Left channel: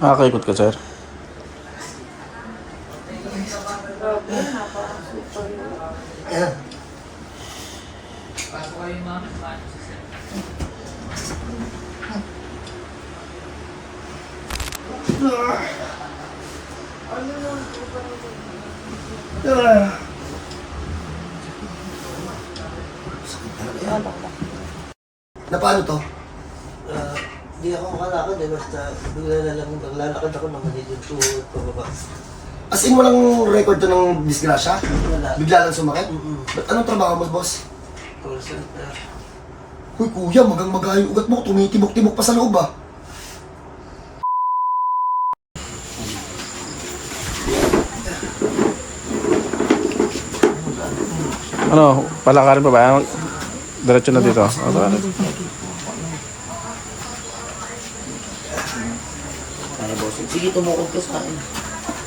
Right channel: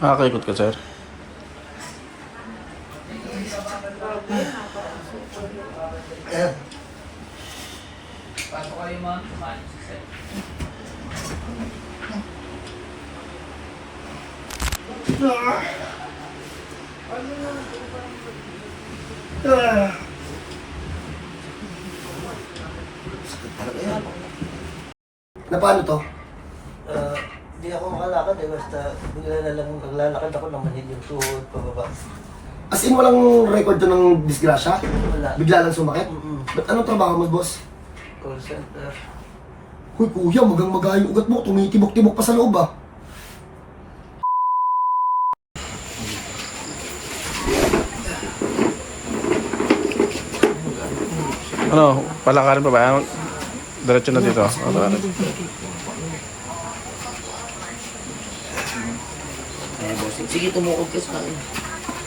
Nakakaikot ka, sir? Na paano to? Ah, Di ako makalakad eh, basta bigla na lang naglalakad ako ng magiging tuhod pababa. As in, walang record to ng disgrasya? Wala. Bigla lang sumakit? Mm-mm. Ba't anong trabaho mo, boss? Call center. Huy, kuya, magang maga yung ugat mo. Tumitibok-tibok pa sa loob, ah. Ano, palakarin pa ba? Diretso na dito. O, tara na. Kaya boss. Sige, tumukod ka sa akin.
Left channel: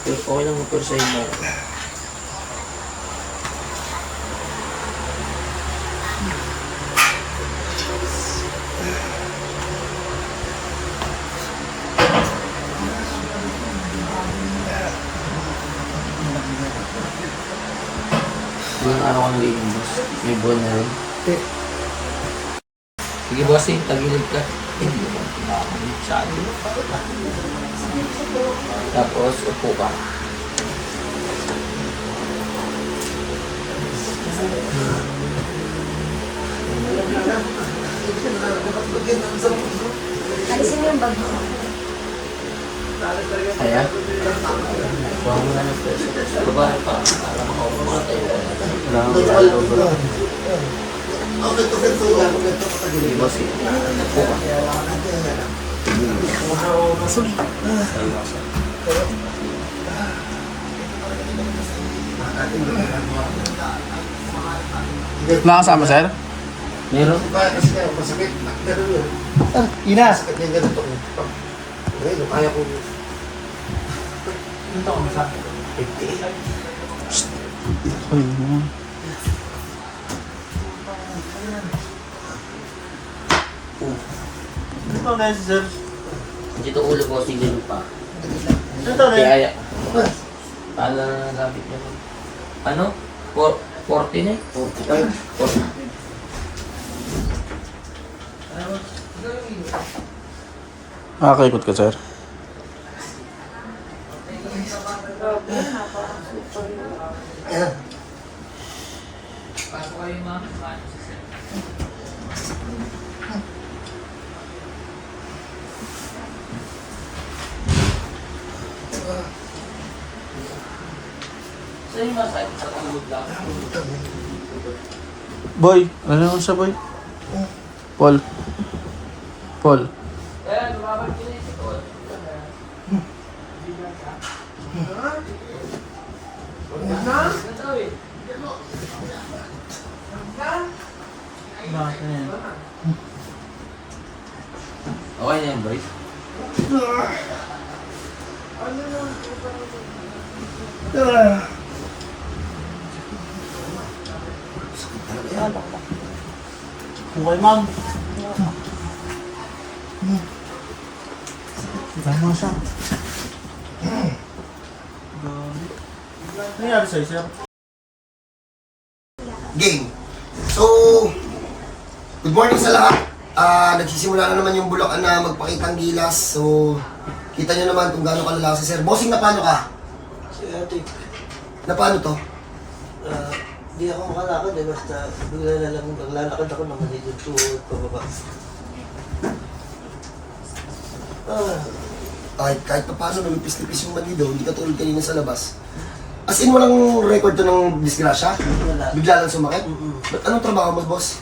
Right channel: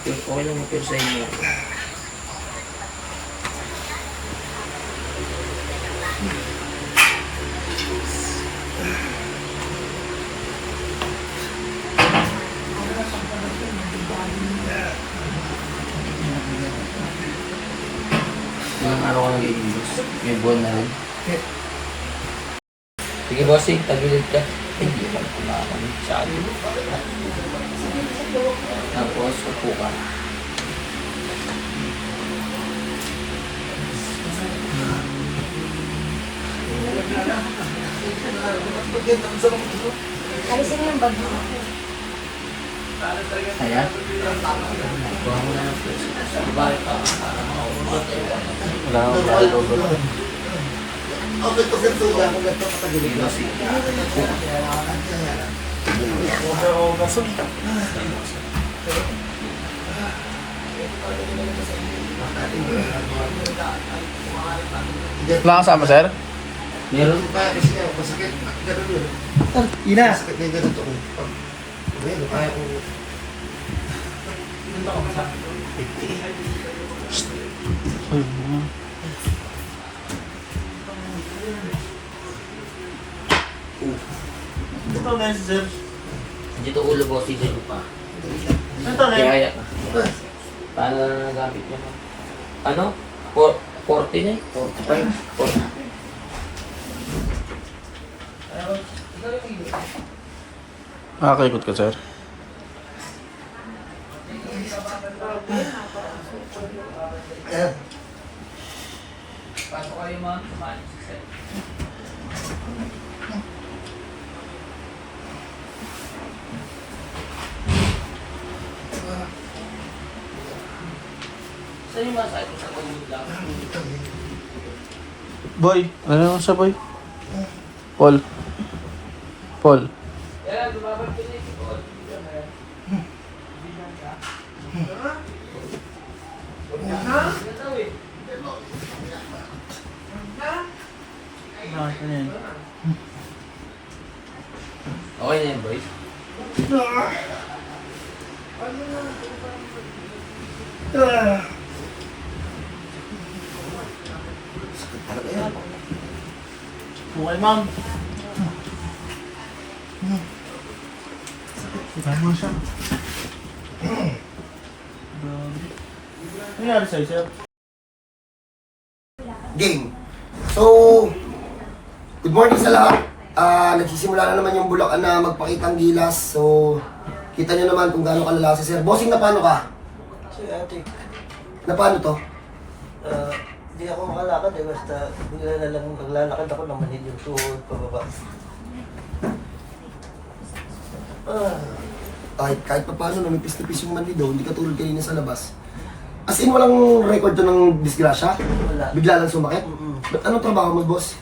Pero Okay lang mo pero sa'yo mo. Ilang araw ka na rin, boss? May buwan na rin. Sige, boss, eh. Tagilid ka. Hindi ka kumakalit sa atin. Tapos, upo ka. Alisin mo yung bag mo. Kaya? Buwan mo na ng pwesto. Babae pa. Para makaupo tayo. Wala, boss, eh. Upo ka. Nakasama, sir? Meron? Kasi. Ina! Kaya ko. Ito na sir. Dito ulo mo, sige pa. Ito yun. Kaya, paano na nagamit mo? Ano? For, 40 na? 45. 40. Nakakaikot ka, sir? Ayan. Saan yung masahe sa pagod lang? Boy, ano naman siya, boy? Paul. Paul. Eh. Okay na yan, boys. Okay, ma'am. Tama siya. Ano nangyari sa'yo, sir? Game. So, good morning sa lahat. Ah, nagsisimula na naman yung Bulacan na magpakitang gilas. So, kita nyo naman kung gaano kalala si Sir. Bossing, na paano ka? Si ate. Na paano to? Ah, di ako makalakad eh, basta bigla na lang naglalakad ako ng magiging tuhod pababa. Ah, Kahit, kahit pa paano, namipis-nipis yung mandido, hindi ka tulad kanina sa labas. As in, walang record to ng disgrasya? wala. Bigla lang sumakit? Mm-mm. Ba't anong trabaho mo, boss?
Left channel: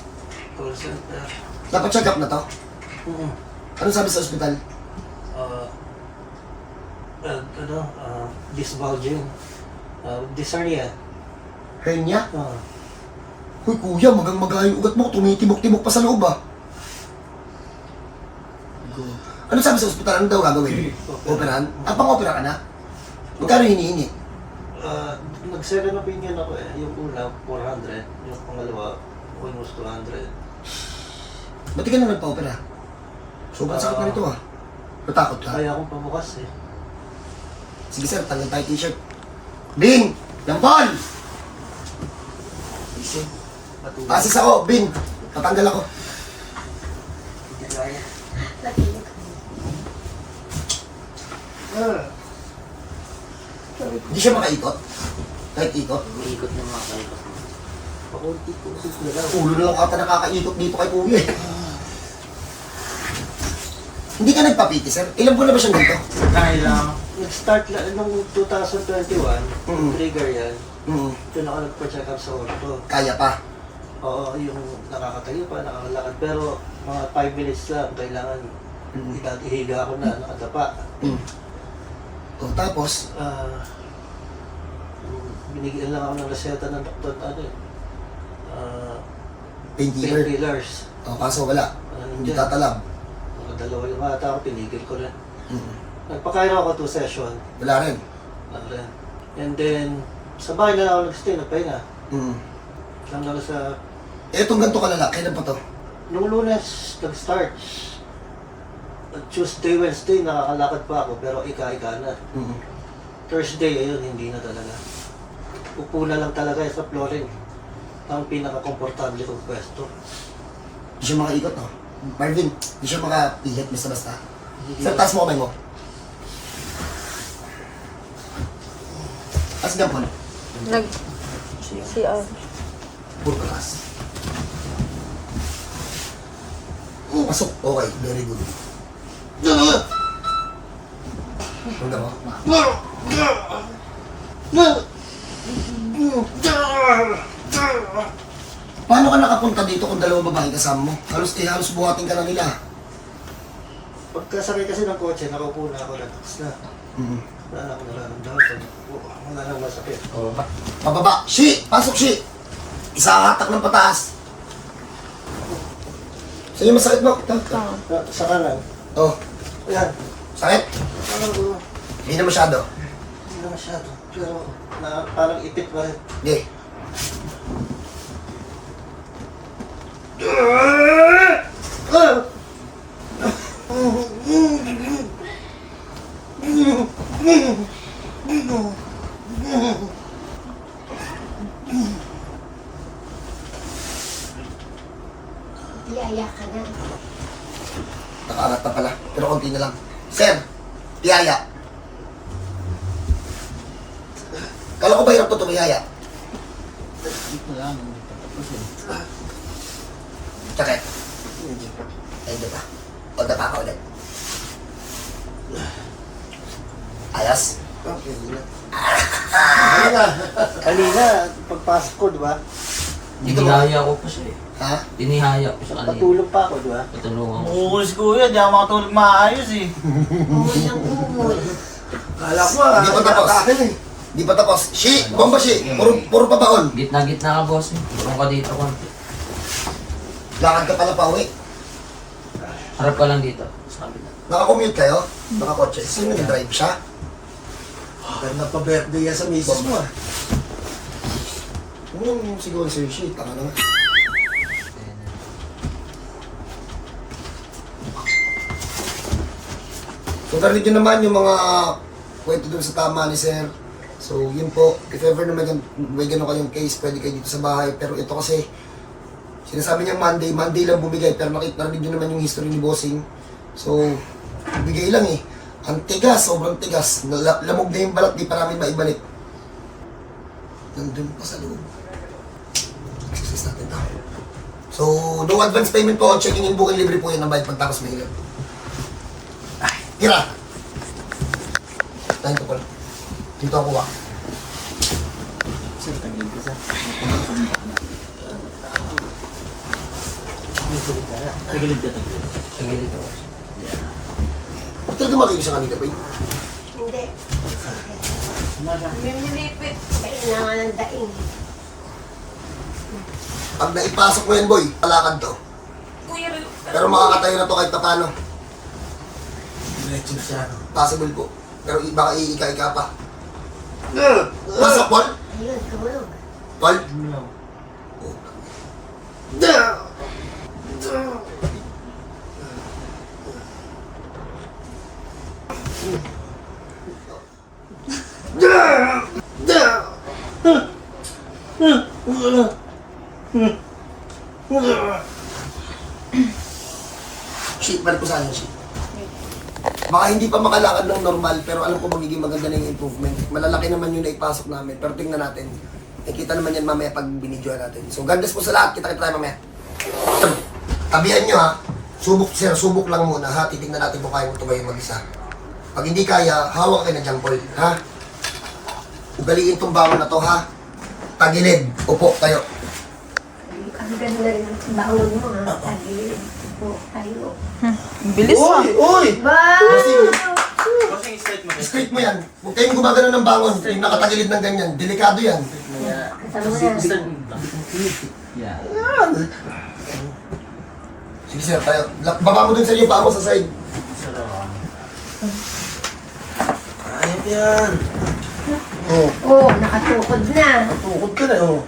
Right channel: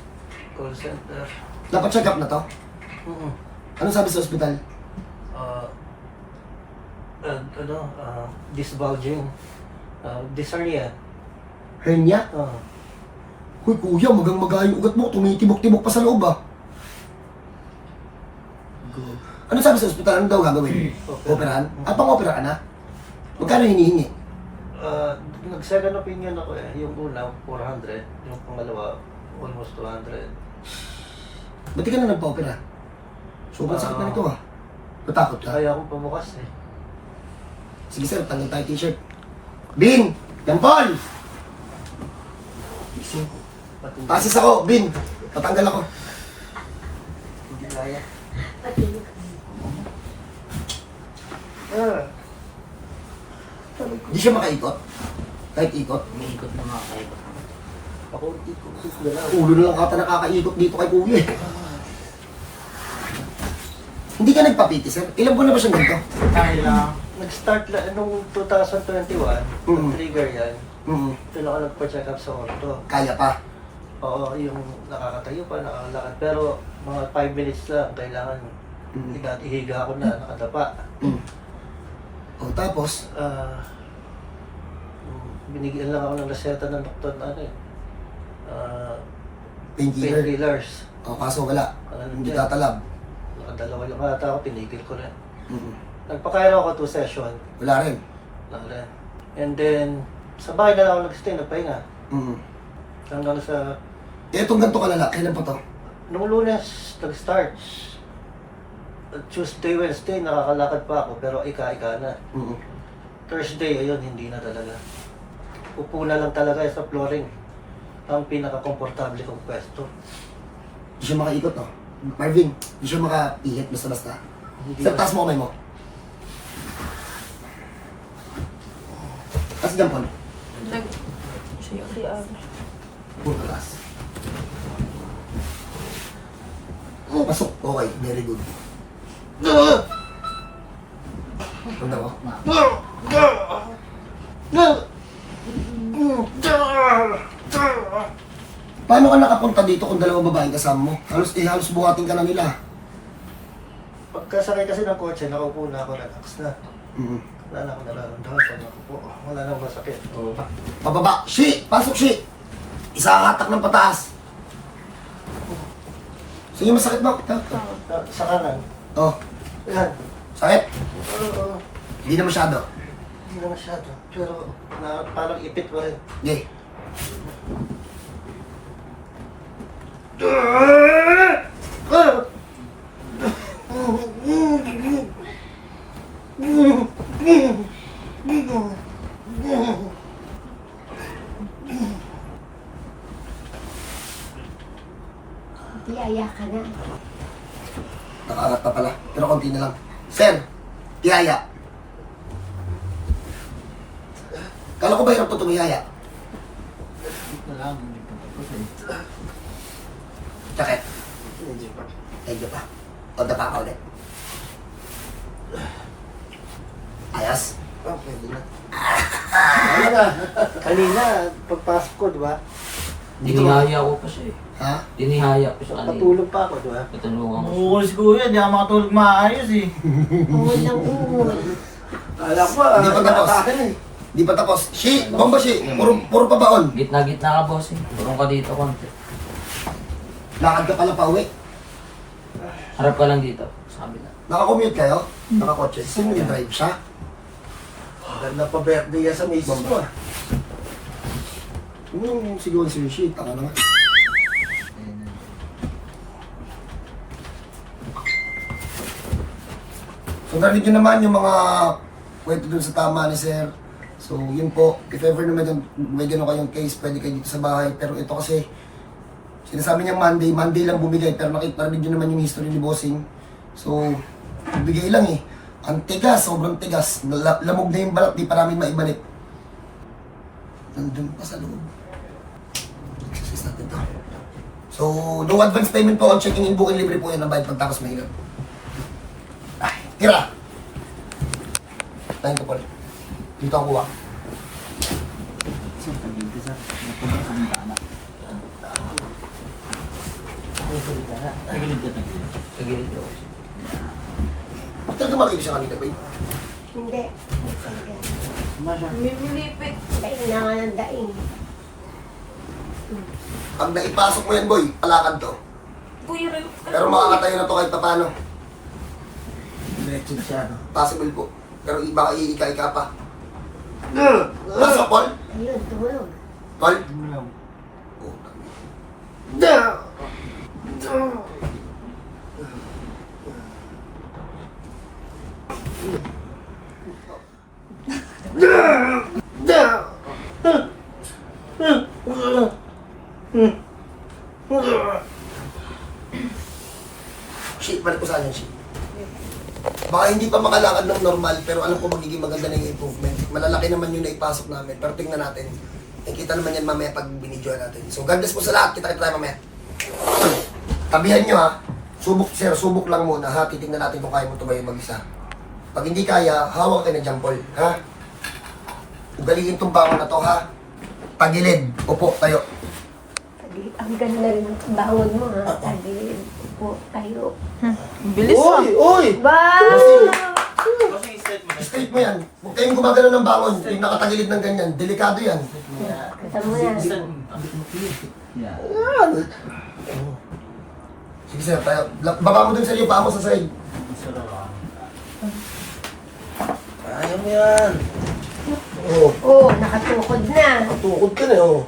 Call center. Napacheck up na to? Mm-mm. Anong sabi sa ospital? Ah, ah, ano, ah, disbulging. Uh, dysuria. Hernia? Ah, Huy, kuya, magang maga yung ugat mo. Tumitibok-tibok pa sa loob, ah. Ano sabi sa ospital? Ano daw gagawin? Operahan? Ah, pang-opera ka na? Magkano hinihingi? Ah, nag-second opinion ako eh. Yung una, 400. Yung pangalawa, almost 200. Ba't di ka na nagpa-opera? Sobrang sakit na nito, ah. Natakot ka? Kaya akong pamukas eh. Sige sir, tanggal tayo t-shirt. Bin! Yan Matulog. Asis ako, Bin. Patanggal ako. Hindi kaya. Matulog. Ah. Di siya makaikot. Kahit ikot. Umiikot na mga kayo. Pakunti-kunti na lang. Ulo na lang ata nakakaikot dito kay Kuya. eh. Hindi ka nagpapiti, sir? Ilan buwan na ba siyang ganito? Kaya lang. Nag-start lang nung 2021, Mm. trigger yan. Mm, Doon ako nagpa-check up sa orto. kaya pa. Oo, yung nakakatayo pa, nakakalakad. Pero mga 5 minutes lang, kailangan Mm. ihiga ako na nakadapa. Mm. O tapos, Ah, binigyan lang ako ng reseta ng doktor na ano eh. Ah, painkiller. painkillers. O kaso wala. Ano Hindi dyan? tatalab. Nakadalawa yung ata ako, tinigil ko rin. Mm. Nagpakairo ako 2 session. Wala rin. Lang rin. And then, sa bahay na lang ako nag-stay, nagpahinga. Mm. Lang lang sa, Etong ganito kalala, kailan pa to? nung lunes, nag-start. Tuesday, Wednesday, nakakalakad pa ako, pero ika-ika na. Mm. Thursday, ayun, hindi na talaga. Upo na lang talaga sa flooring. Ang pinaka-komportable kong pwesto. Di siya makaikot, no? Marvin, di siya makapihit basta-basta. Sir, taas mo kamay mo. Gan, Paul. Nag... CR. Full class. Oh, pasok. Okay, very good. Ano mo? Paano ka nakapunta dito kung dalawang babae kasama mo? Halos eh, halos buhatin ka na nila. Pagkasakay kasi ng kotse, nakaupo na ako, relax na. Mm. Wala na ako nararamdaman. Pag nakaupo, Wala na masakit. Oo. Pababa. Shi! Pasok, Shi! Isa hatak ng pataas. Sige, masakit mo. Ito, ito. Sa kanan. Oh, Ayan. sakit. Ano, Hindi na masyado. hindi na masyado. Pero na, parang ipit pa rin. Hindi. Di aya ka na. Nakaangat na pala. Pero konti na lang. Sir, tiyaya. Kala ko ba hirap to tumiyaya? Dito lang. Sakit. Medyo pa. O, dapa ka ulit. Ayos. Okay, Kanina, kanina, pagpasok ko, di ba? Tinihaya ko pa siya eh. Ha? Tinihaya ko siya kanina. Patulog pa ako, di ba? Patulungan ko. Umuulis ko yun, di ako makatulog maayos eh. Umuwi ng umuwi. Kala ko, Hindi pa tapos. Hindi pa tapos. Shi! Bomba shi! Puro, puro pa baon. Gitna-gitna ka boss eh. Turong ka dito konti. Lakad ka pala pa uwi. Harap ka lang dito. Sabi na. Nakakommute kayo? Nakakotse. Sino nag-drive siya? Ganda pa birthday yan sa misis mo. ah. Yung siguro si Shi? Taka na. So, narinig nyo naman yung mga kwento dun sa tama ni Sir. So, yun po. If ever naman yun, may gano'n kayong case, pwede kayo dito sa bahay. Pero ito kasi, sinasabi niyang Monday, Monday lang bumigay. Pero nakita nyo naman yung history ni Bossing. So, bigay lang eh. Ang tigas, sobrang tigas. Lamog na yung balat, di pa namin maibalik. Nandun pa sa loob. Exercise natin to. So, no advance payment po checking in booking libre po yan ng bayad pagtapos mahilap. Ay, tira! Tayo ko pala. Dito ako kuha. Sige dito. Ba't talaga makilig siya kanina, boy? Hindi. May nilipit. Kailangan ng daing. Pag naipasok mo yan, boy, palakad to. Pero makakatayo na to kahit paano. Diretso siya. Possible po. Pero baka iika-ika pa. Pasok, Paul? Ayun, tumulog. Paul? Shit, balik ko sa kanya, shit. Baka hindi pa makalakad ng normal, pero alam ko magiging maganda na yung improvement. Malalaki naman yung naipasok namin, pero tingnan natin. Nakikita naman yan mamaya pag binidyo natin. So, God bless po sa lahat. Kita-kita tayo mamaya. Tabihan nyo ha. Subok, sir, subok lang muna ha. Titignan natin kung kaya mo tumayo mag-isa. Pag hindi kaya, hawak kayo na jump ball, ha? Ugaliin tong bangon na to, ha? Tagilid. Upo, tayo. Ang ganda rin ng bangon mo, ha? Tabi. O, tayo. Bilis ah. Uy! Uy! Wow! Straight mo. Straight mo yan. Huwag kayong gumagano ng bangon. Yung nakatagilid ng ganyan. Delikado yan. Kasama yan. Yeah. Yan. Sige sir, tayo. Baba mo dun sa iyo, paa mo sa side. Ayun na yan. Oh, Oh, nakatukod na. tukod ka na, oh.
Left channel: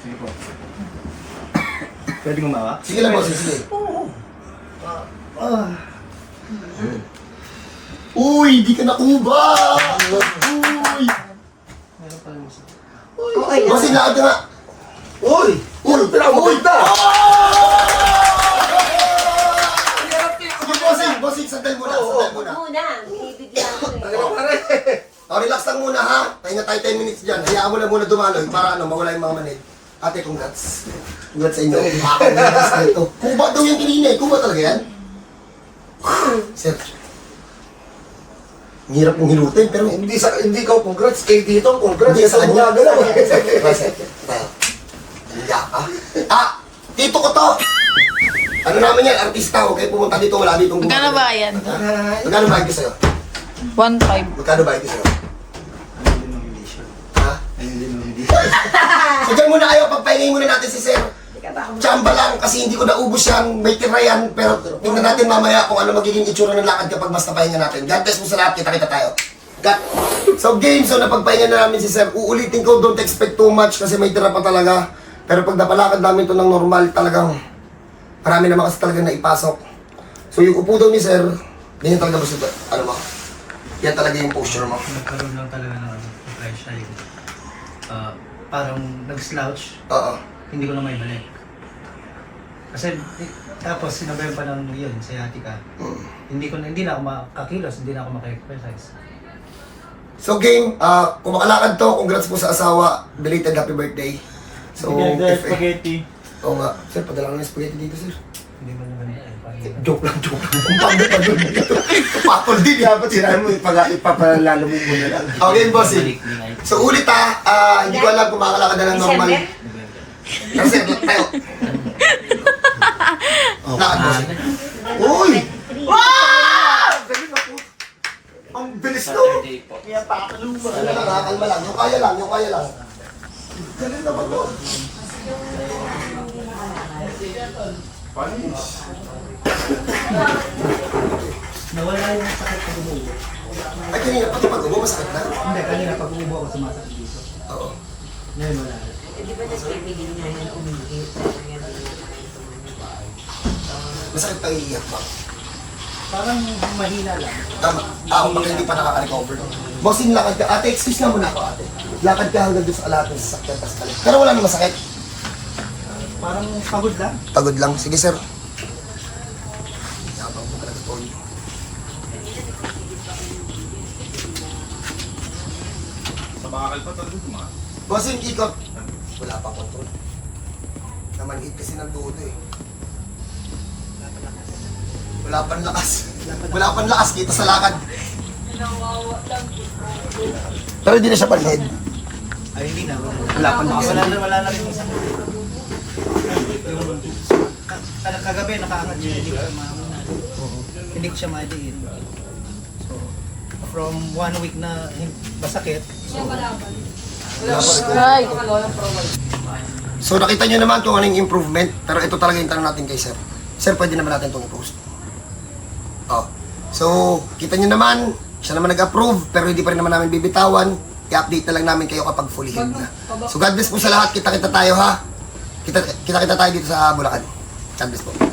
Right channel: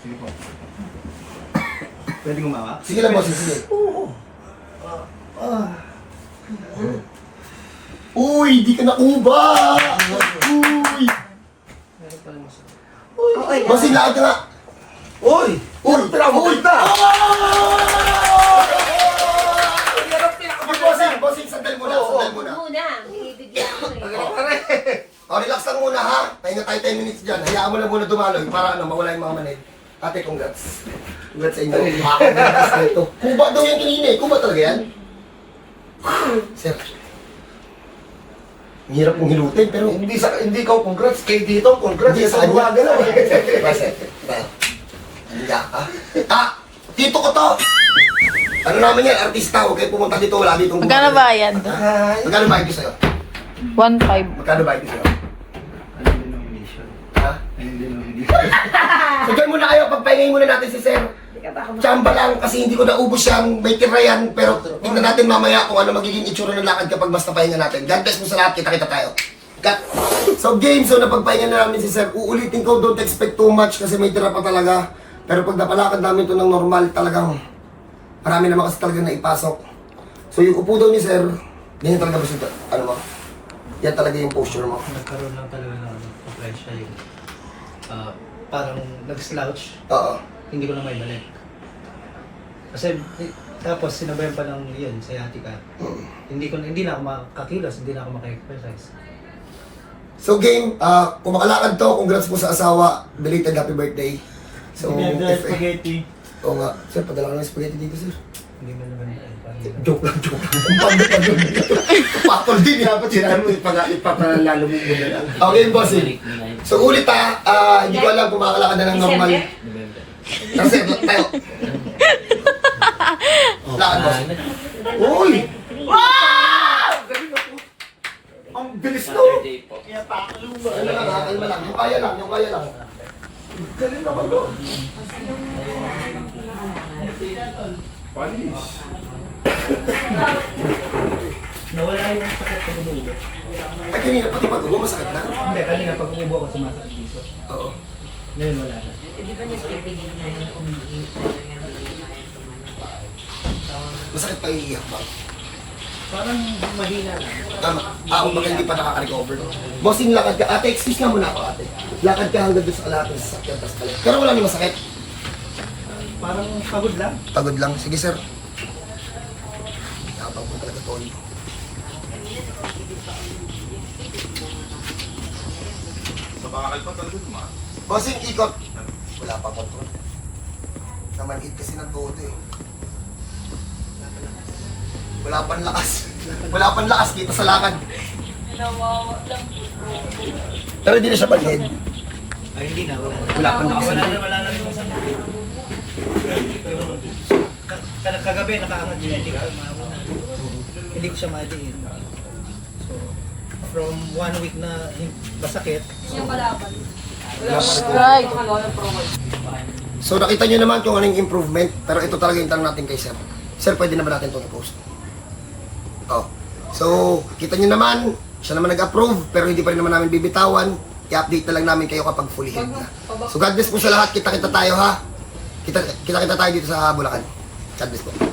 Pwede gumawa? Sige lang, boss. Sige. Ah. Uy, di ka nakuba! Uy! Oo, ay, Boss, lakad ka nga. Uy! Uy! Uy! Sige, bossing, bossing, sandal muna, sandal muna. Muna, binibigyan ko eh. O, relax lang muna ha. Pahinga tayo 10 minutes dyan. Hayaan mo na muna dumaloy para ano, mawala yung mga manid. Ate, congrats. Congrats sa inyo. Makakongrats na ito. Kuba daw yung kanina eh. Kuba talaga yan? Sir. Ang hirap mong hilutin, pero Hindi sa hindi ka congrats kay dito, congrats. hindi sa kanya. gumagalaw. Sir, tayo. Hiya ka. Ah, dito ko to. Ano namin yan, artista. Huwag kayo pumunta dito, wala dito. Magkano ba yan? Magkano bayad ko sa'yo? 1.5. Magkano bayad ko sa'yo? So dyan muna kayo, pagpahingay muna natin si Sir. Chamba lang kasi hindi ko naubos yan, may tira yan, pero tingnan natin mamaya kung ano magiging itsura ng lakad kapag basta pahinga natin. God bless mo sa lahat, kita-kita tayo. Cut. So game, so napagpahinga na namin si Sir. Uulitin ko, don't expect too much kasi may tira pa talaga. Pero pag napalakad namin to ng normal, talagang marami naman kasi talaga na ipasok. So yung upo daw ni Sir, ganyan talaga ba siya? Ano mo? Yan talaga yung posture mo. Nagkaroon lang talaga ng ano, pressure yung ah, parang nag-slouch, Oo. hindi ko na may balik. Kasi eh, tapos sinabayan pa ng yun, sciatica. Hindi ko na, hindi na ako makakilos, hindi na ako maka-exercise. So game, ah kung makalakad to, congrats po sa asawa. Belated happy birthday. So, if, spaghetti. Oo nga. Sir, padala ko ng spaghetti dito, sir. Hindi mo naman Joke lang, joke lang. Kung paano pa doon. Papol din. Dapat sinabi mo ipag ipapalalo mo muna lang. Okay, boss. eh. So ulit ha, ah, hindi ko alam kung makakalakad na ng normal. Sir, tayo. Lakad, boss. Uy! Ang bilis no. Nakakalma lang. Yung kaya lang, yung kaya lang. Galing naman mo. Nawala yung sakit sa bumubo. Ay, kanina, pati pag ubo, masakit na. Hindi, kanina pag umubo ako sumasakit dito. Oo. Ngayon wala na. Masakit pa iiyak ba? Parang mahina lang. Tama. Ah, baka hindi pa nakaka-recover. Bossing, lakad ka. Ate, excuse na muna ako, ate. Lakad ka hanggang doon sa kalating sasakyan, tapos balik. Pero wala namang masakit. Parang pagod lang. Pagod lang. Sige, sir. Yapang po talaga, Tony. Bossing, ikot. Wala pa pa, Tony. Namanhit kasi ng todo eh. Wala pang lakas. Wala pang lakas dito sa lakad. Pero hindi na siya panhid. Ay, hindi na. Wala pang lakas. Wala na, wala na yung sakit. Yung ka- kagabi nakaangat siya, hindi ko mauna. Hindi ko siya madiin. So, from one week na masakit, rin. Right. So nakita nyo naman kung anong improvement, pero ito talaga yung tanong natin kay Sir. Sir, pwede naman natin itong i-post. Oh. So, kita nyo naman, siya naman nag-approve, pero hindi pa rin naman namin bibitawan. I-update na lang namin kayo kapag fully healed na. So God bless po sa lahat. Kita-kita tayo ha. Kita-kita tayo dito sa Bulacan. God bless po.